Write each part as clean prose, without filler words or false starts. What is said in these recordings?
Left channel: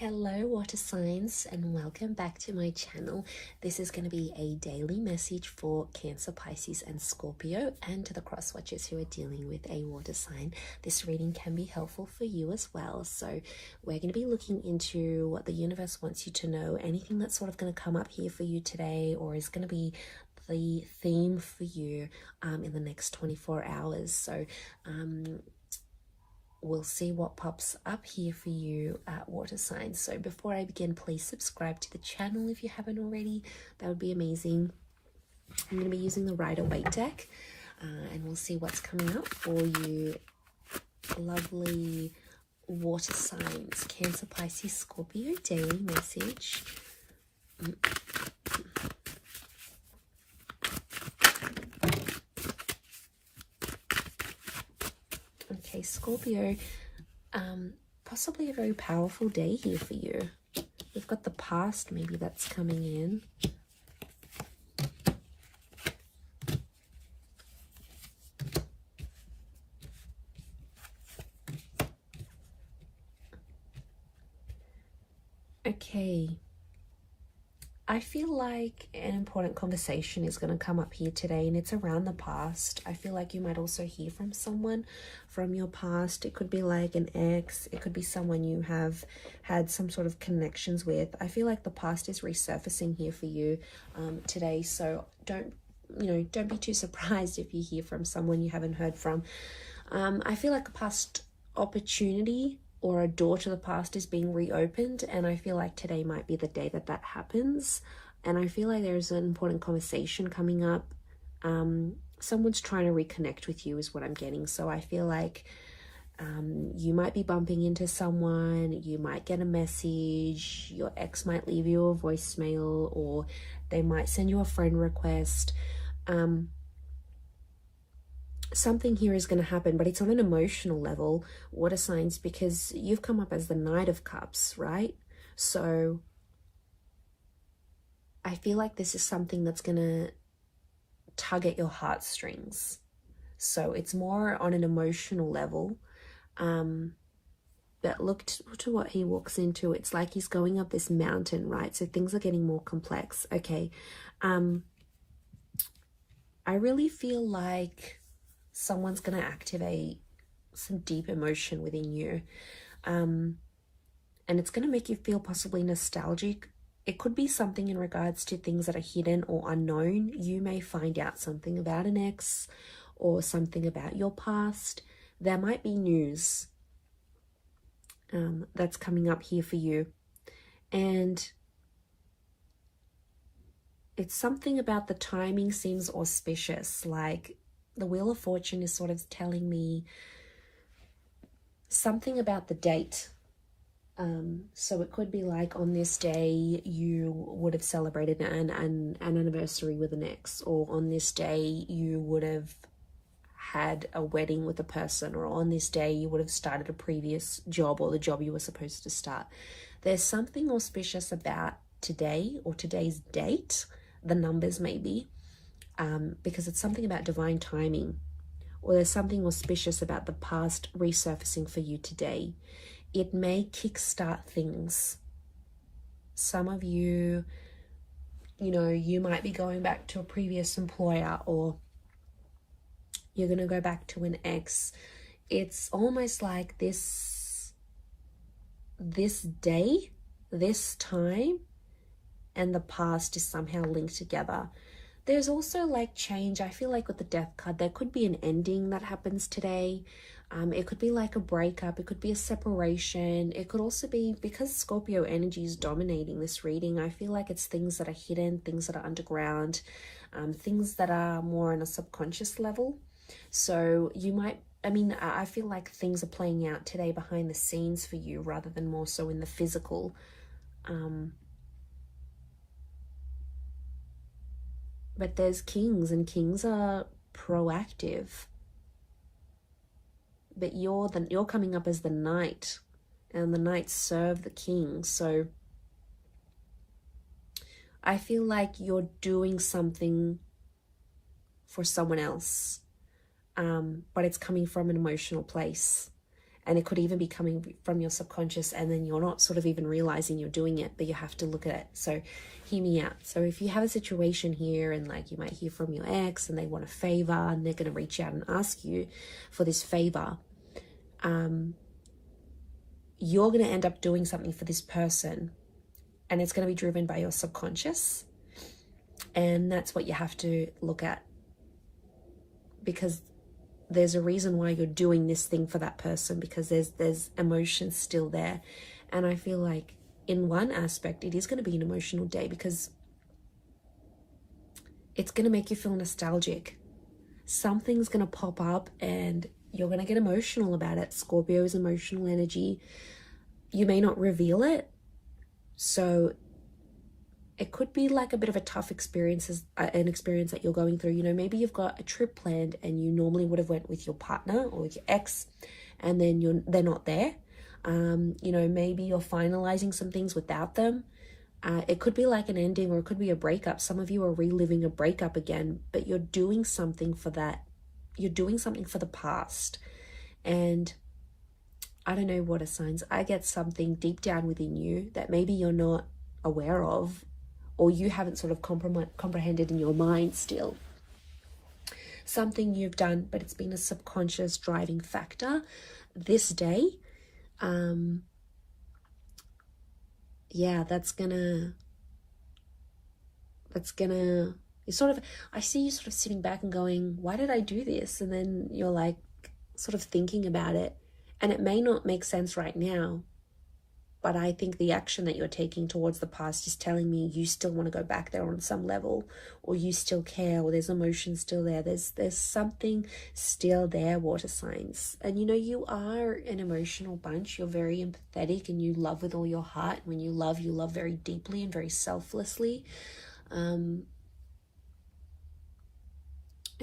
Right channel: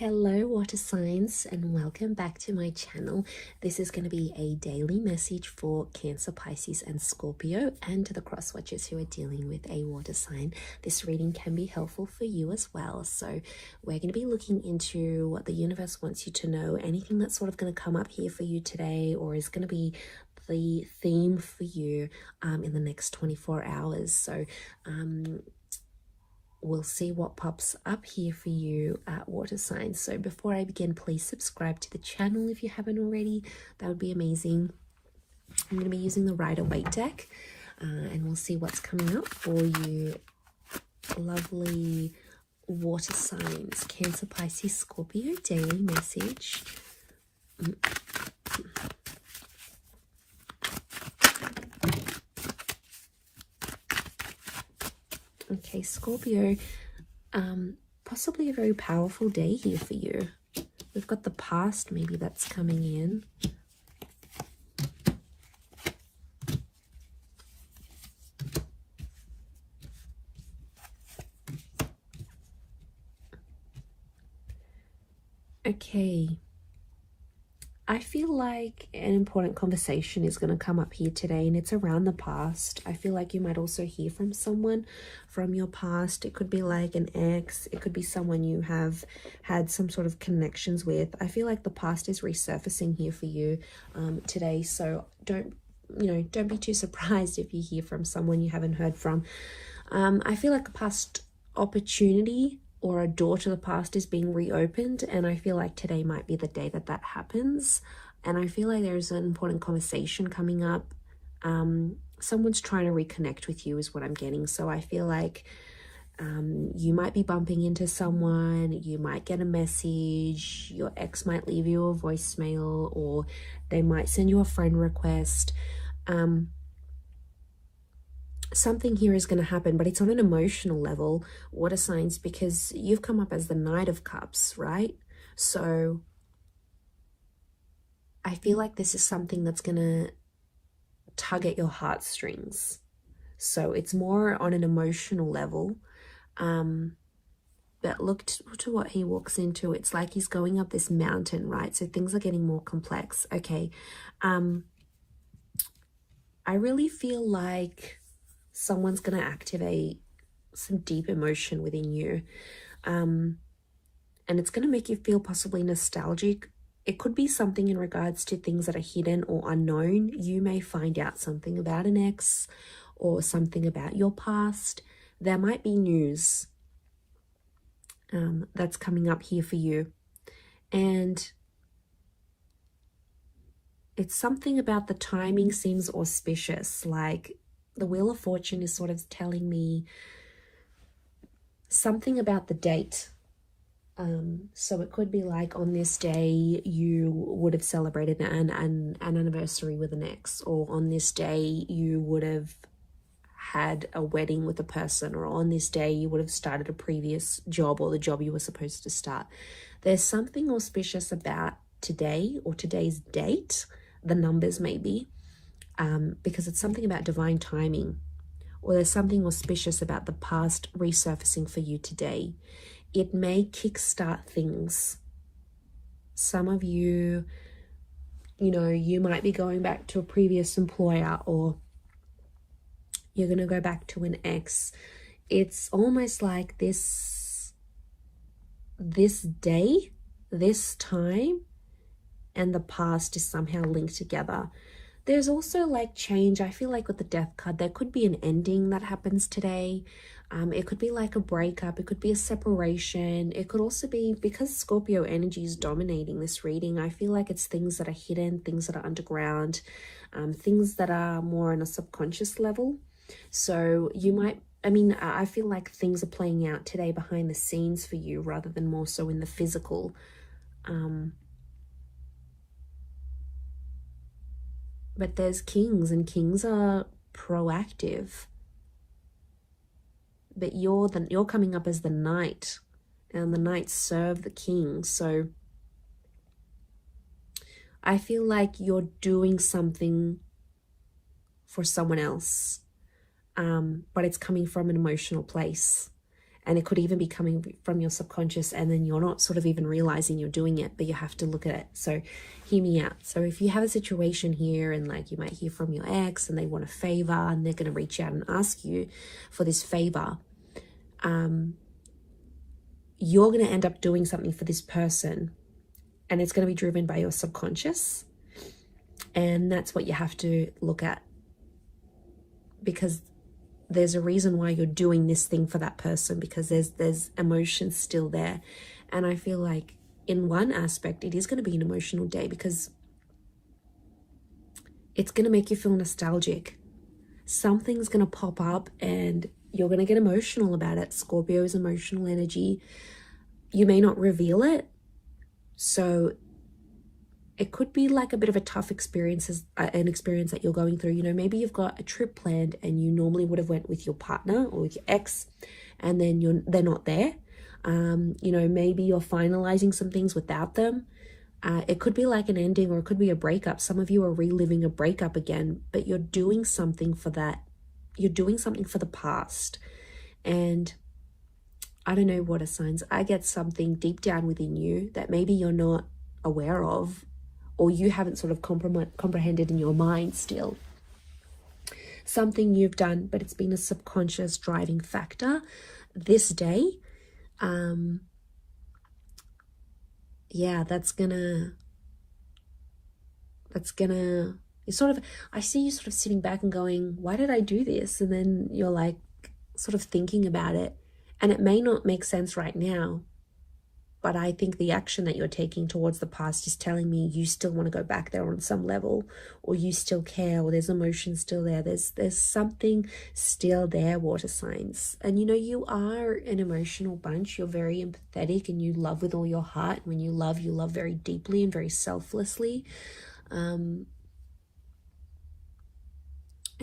Hello water signs, and welcome back to my channel. This is going to be a daily message for Cancer, Pisces and Scorpio, and to the cross watchers who are dealing with a water sign. This reading can be helpful for you as well. So we're going to be looking into what the universe wants you to know, anything that's sort of going to come up here for you today, or is going to be the theme for you in the next 24 hours. So we'll see what pops up here for you at water signs. So before I begin, please subscribe to the channel if you haven't already. That would be amazing. I'm going to be using the Rider-Waite deck, and we'll see what's coming up for you. Lovely water signs, Cancer, Pisces, Scorpio, daily message. Okay, Scorpio, possibly a very powerful day here for you. We've got the past, maybe that's coming in. Okay. I feel like an important conversation is going to come up here today, and it's around the past. I feel like you might also hear from someone from your past. It could be like an ex. It could be someone you have had some sort of connections with. I feel like the past is resurfacing here for you today. So don't be too surprised if you hear from someone you haven't heard from. I feel like a past opportunity or a door to the past is being reopened, and I feel like today might be the day that that happens. And I feel like there's an important conversation coming up. Someone's trying to reconnect with you is what I'm getting. So I feel like you might be bumping into someone, you might get a message, your ex might leave you a voicemail, or they might send you a friend request. Something here is going to happen, but it's on an emotional level, water signs, because you've come up as the Knight of Cups, right? So I feel like this is something that's going to tug at your heartstrings. So it's more on an emotional level. But look to what he walks into. It's like he's going up this mountain, right? So things are getting more complex. Okay. I really feel like someone's going to activate some deep emotion within you. And it's going to make you feel possibly nostalgic. It could be something in regards to things that are hidden or unknown. You may find out something about an ex or something about your past. There might be news that's coming up here for you. And it's something about the timing seems auspicious. Like the Wheel of Fortune is sort of telling me something about the date. So it could be like on this day you would have celebrated an anniversary with an ex, or on this day you would have had a wedding with a person, or on this day you would have started a previous job or the job you were supposed to start. There's something auspicious about today or today's date, the numbers maybe. Because it's something about divine timing, or there's something auspicious about the past resurfacing for you today. It may kickstart things. Some of you, you might be going back to a previous employer, or you're going to go back to an ex. It's almost like this day, this time, and the past is somehow linked together. There's also like change. I feel like with the Death card, there could be an ending that happens today. It could be like a breakup. It could be a separation. It could also be, because Scorpio energy is dominating this reading, I feel like it's things that are hidden, things that are underground, things that are more on a subconscious level. So you might, I feel like things are playing out today behind the scenes for you rather than more so in the physical. But there's kings, and kings are proactive. But you're coming up as the knight, and the knights serve the king. So I feel like you're doing something for someone else, but it's coming from an emotional place. And it could even be coming from your subconscious, and then you're not sort of even realizing you're doing it, but you have to look at it. So hear me out. So if you have a situation here, and like you might hear from your ex and they want a favor, and they're going to reach out and ask you for this favor, you're going to end up doing something for this person, and it's going to be driven by your subconscious. And that's what you have to look at, because there's a reason why you're doing this thing for that person, because there's emotions still there. And I feel like in one aspect it is going to be an emotional day, because it's going to make you feel nostalgic. Something's going to pop up and you're going to get emotional about it. Scorpio is emotional energy. You may not reveal it, so it could be like a bit of a tough experience, an experience that you're going through. You know, maybe you've got a trip planned and you normally would have went with your partner or with your ex, and then they're not there. You know, maybe you're finalizing some things without them. It could be like an ending, or it could be a breakup. Some of you are reliving a breakup again, but you're doing something for that. You're doing something for the past. And I don't know, water signs, I get something deep down within you that maybe you're not aware of, or you haven't sort of comprehended in your mind still. Something you've done, but it's been a subconscious driving factor this day. Yeah, that's gonna, you sort of, I see you sort of sitting back and going, why did I do this? And then you're like sort of thinking about it, and it may not make sense right now, but I think the action that you're taking towards the past is telling me you still want to go back there on some level, or you still care, or there's emotion still there. There's something still there, water signs. And you know, you are an emotional bunch. You're very empathetic and you love with all your heart. When you love very deeply and very selflessly. And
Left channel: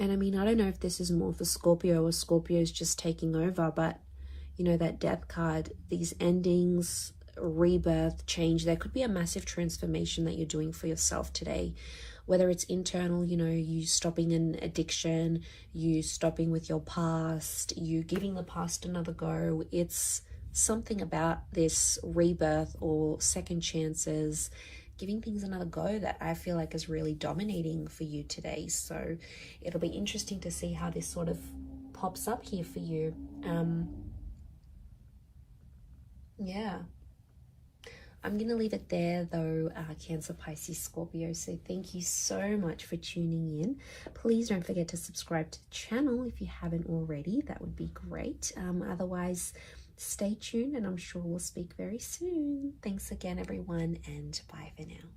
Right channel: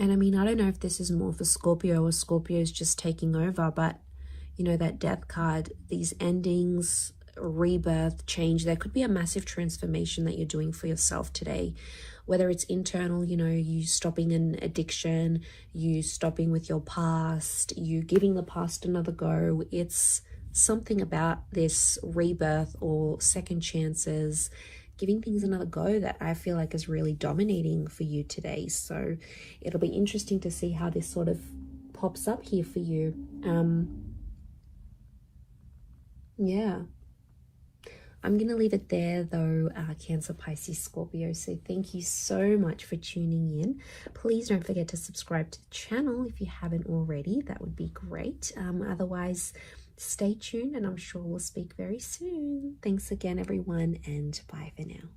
I mean, I don't know if this is more for Scorpio, or Scorpio is just taking over, but you know, that death card, these endings, rebirth, change, there could be a massive transformation that you're doing for yourself today, whether it's internal, you know, you stopping an addiction, you stopping with your past, you giving the past another go. It's something about this rebirth or second chances, giving things another go, that I feel like is really dominating for you today. So it'll be interesting to see how this sort of pops up here for you. Yeah, I'm going to leave it there though, Cancer, Pisces, Scorpio. So thank you so much for tuning in. Please don't forget to subscribe to the channel if you haven't already. That would be great. Otherwise, stay tuned, and I'm sure we'll speak very soon. Thanks again, everyone, and bye for now.